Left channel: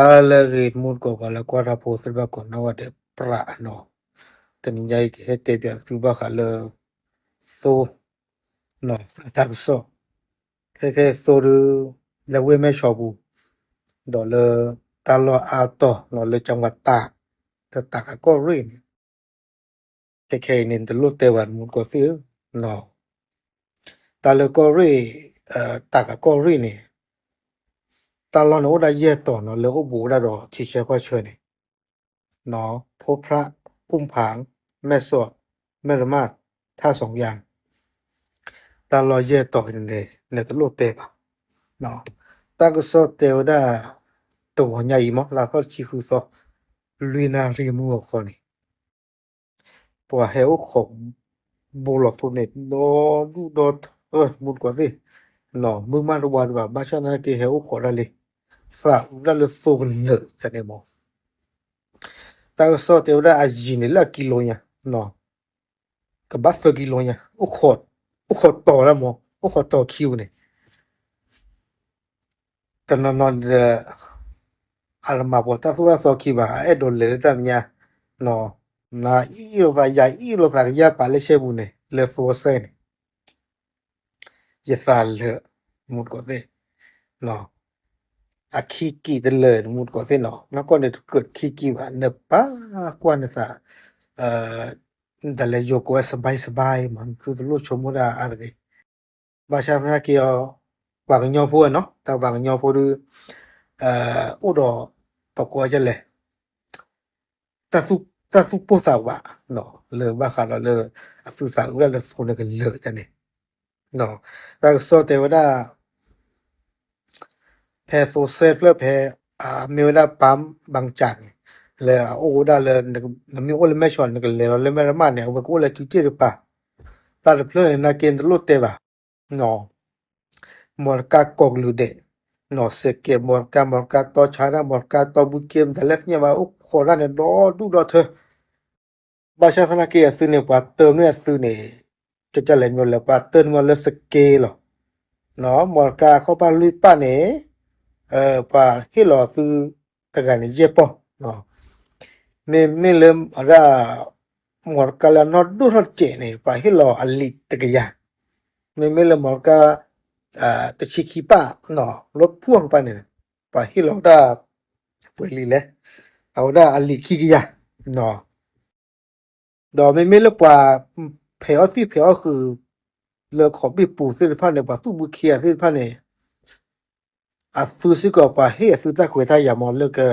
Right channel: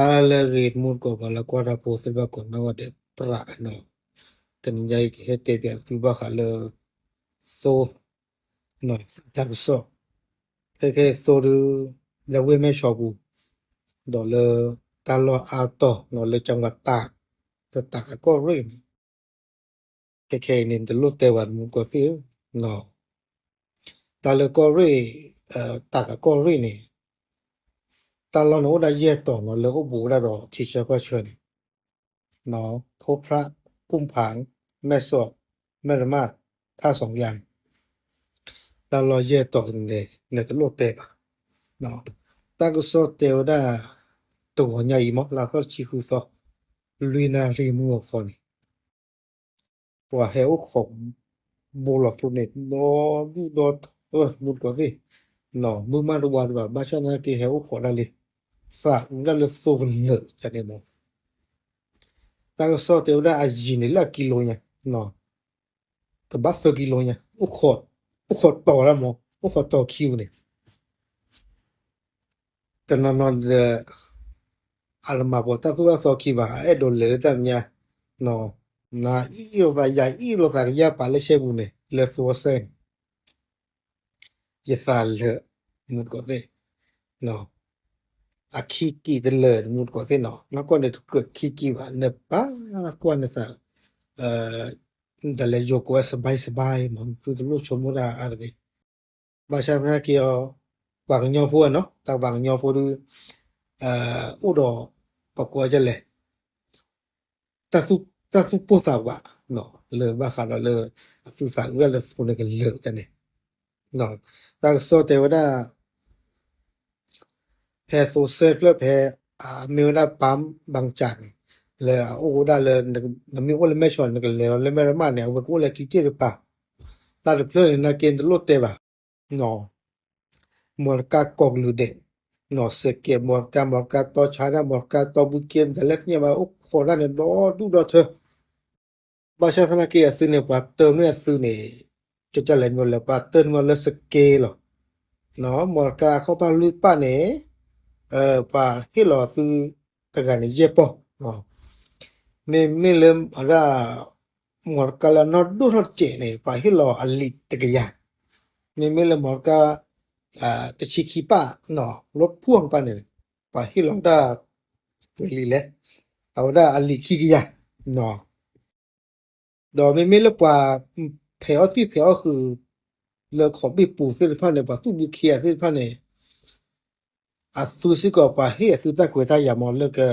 Allegate mulko kala kwara poseba kona wade pra no. Teninyai hete bia tuba kala so no tak so. Keke so du la we me shobu. Do le talo ato no le จังหวัดตากแต่ตากก็เรื่องKeke nin te lu te wan mulko si no. Talo ko ri tak ko ri ni. Talo no da ye to no le ko bu da do chi che ko chwe ni. เนาะพบพระอุ้มผางแม่สวดแม่ละมาดท่า2อย่างตาลอยเยต่อกันเลยในตะโลเตบเนาะตาก็สอเตวดาตัวใหญ่มลาก็ชิคุซอลุยนารีมัวคนนี่ปัวเฮวของโบลอฟุเนตโดดูดมุดกว่าสิเนาะมึงมาดูว่าบาชานาเกเฮวขอได้เลยฝากได้เลยโซนเนอจะได้มองตาก็สอเตวดาอาจินละกิโลเนี่ยเนาะก็บัฟกิโลเนี่ยอุขดต่อแล้วมองอุขดต่อคิวเนี่ยแต่นอนalma bota tu so ki ba e do le ta nya no na i lo ba ya ya pa le she bu ne le fo se ne ye fa le mut ko te no a ki ki de le mut ko te no na ko ne tu ki ba ne pa kwa ne sa da le yo ko sa bai man tu lo chomo da arde ba sha na ki yo ba nyo pho no ta ba nyo pho du o do pa ko ja le ta su po sa wa no le ba kha la le a su sa wa le fo ne ke le ja ne no ta so te wa da phe so se le phe mi da pam bang chan le o da le mi o le me chon ne ke le me ma ne wa ko le ti ti pa ta le phle na ken de lo te ba no morka kok lu de no se ke morka to chara morka to bu kem de le nya ba o ko la ne do du do the ba sha khana ke su ne pa te me su neจะle no le pa te no le se ke lo no morka ko pa lu pa ne pa hi lo su ta ga ne je po no ne le ara morka la no du ho che ne pa hi lo ali te ga ya me le morkaตะชิคิปะเนาะรถพ่วงปะเนี่ยปะฮิโลดาป่วยลีแลเอาดาอลิคิกิยาเนาะดอไม่ละปะเพอสิเพอคือเลขอบิปูสิพะเนี่ยปะตุบุเคียสิพะเนี่ยอะฟูสิก็ปะเฮสุตะขวยทายามอเลก็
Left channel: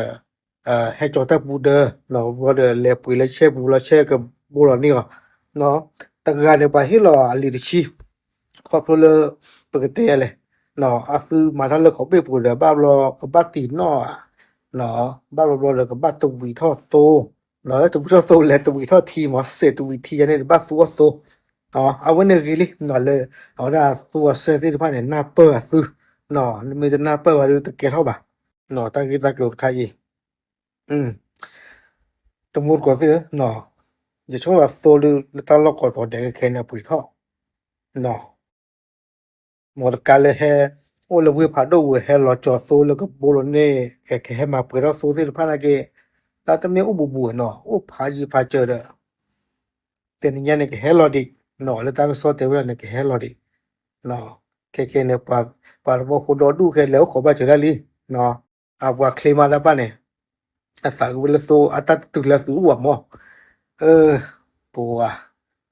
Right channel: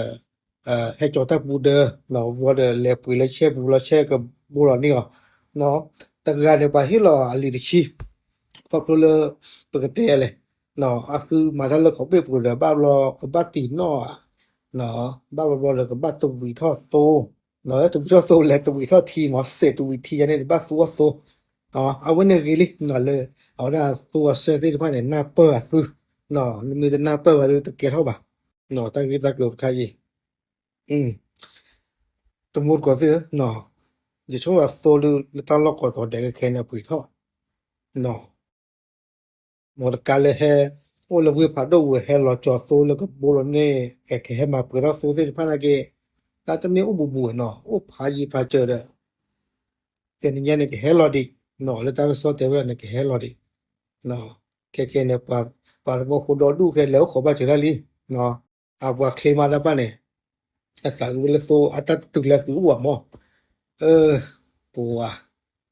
ให้จอตะบูเดเนาะวอเดเลปุยเลเชบูละเชก็บูละนี่เนาะตะกะเนี่ยปะฮิโลอลิชิขอพลปกติเลยเนาะอะคือมาทะเลขอเปปูเลยบ้าบลอกบัติเนาะเนาะบ้าบลอเลยก็บัตตุวิทอโซเนาะตุวิทอโซและตุวิทอทีมอเซตุวิทีเนี่ยบัตซัวโซเนาะเอาวันนี้เลยเนาะเลยเอาดาซัวเซที่ผ่านเนี่ยหน้าเปอร์ซื้อเนาะมีแต่หน้าเปอร์ว่าตะเกียเท่าบ่เนาะตะกี้ตะกรุดใครตะมูดกว่าสิเนาะอย่าช่วงว่าโซลือตะลอกก็แดงแค่เนี่ยปุ๋ยท่อเนาะmorkale he o le we phado we he lo cho so le ko bolo ne ke he ma pwe ro so se pha na ke ta ta me u bu bu no o pha ji pha che de te ni ne ke he lo di no le ta so te we ne ke he lo di no ke ne pa bo ho do du ke le ko ba che da li no a bwa kle ma la pa ne a sa u le so a ta tu la su wa mo po a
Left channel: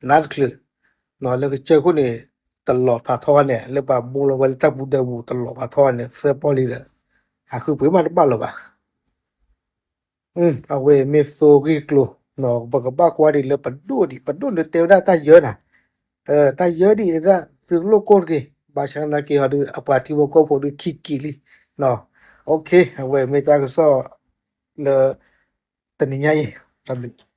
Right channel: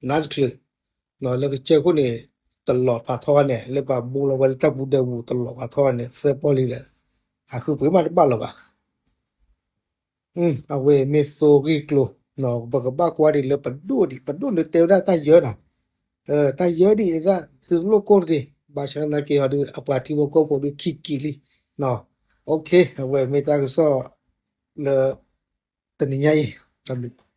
na kle no le ke che ko neตลอดพาทอเนี่ยหรือว่าบูรวัลตะบูดาบูตลอดพาทอเนี่ยเสื้อปอลีเลยคือเปิดมาได้บ้าหรอวะเอาเวเมโซกิโกลเนาะบักบักว่าดิเลยปัดดูเตวได้ตาเยอะนะตาเยอะดิได้ซื้อโลโก้กี่บาชานากี่ฮะดูอปาติโวโกโปดูคิกิลิเนาะโอเคเอาเวเมตาก็ซอเลตนิยายทำ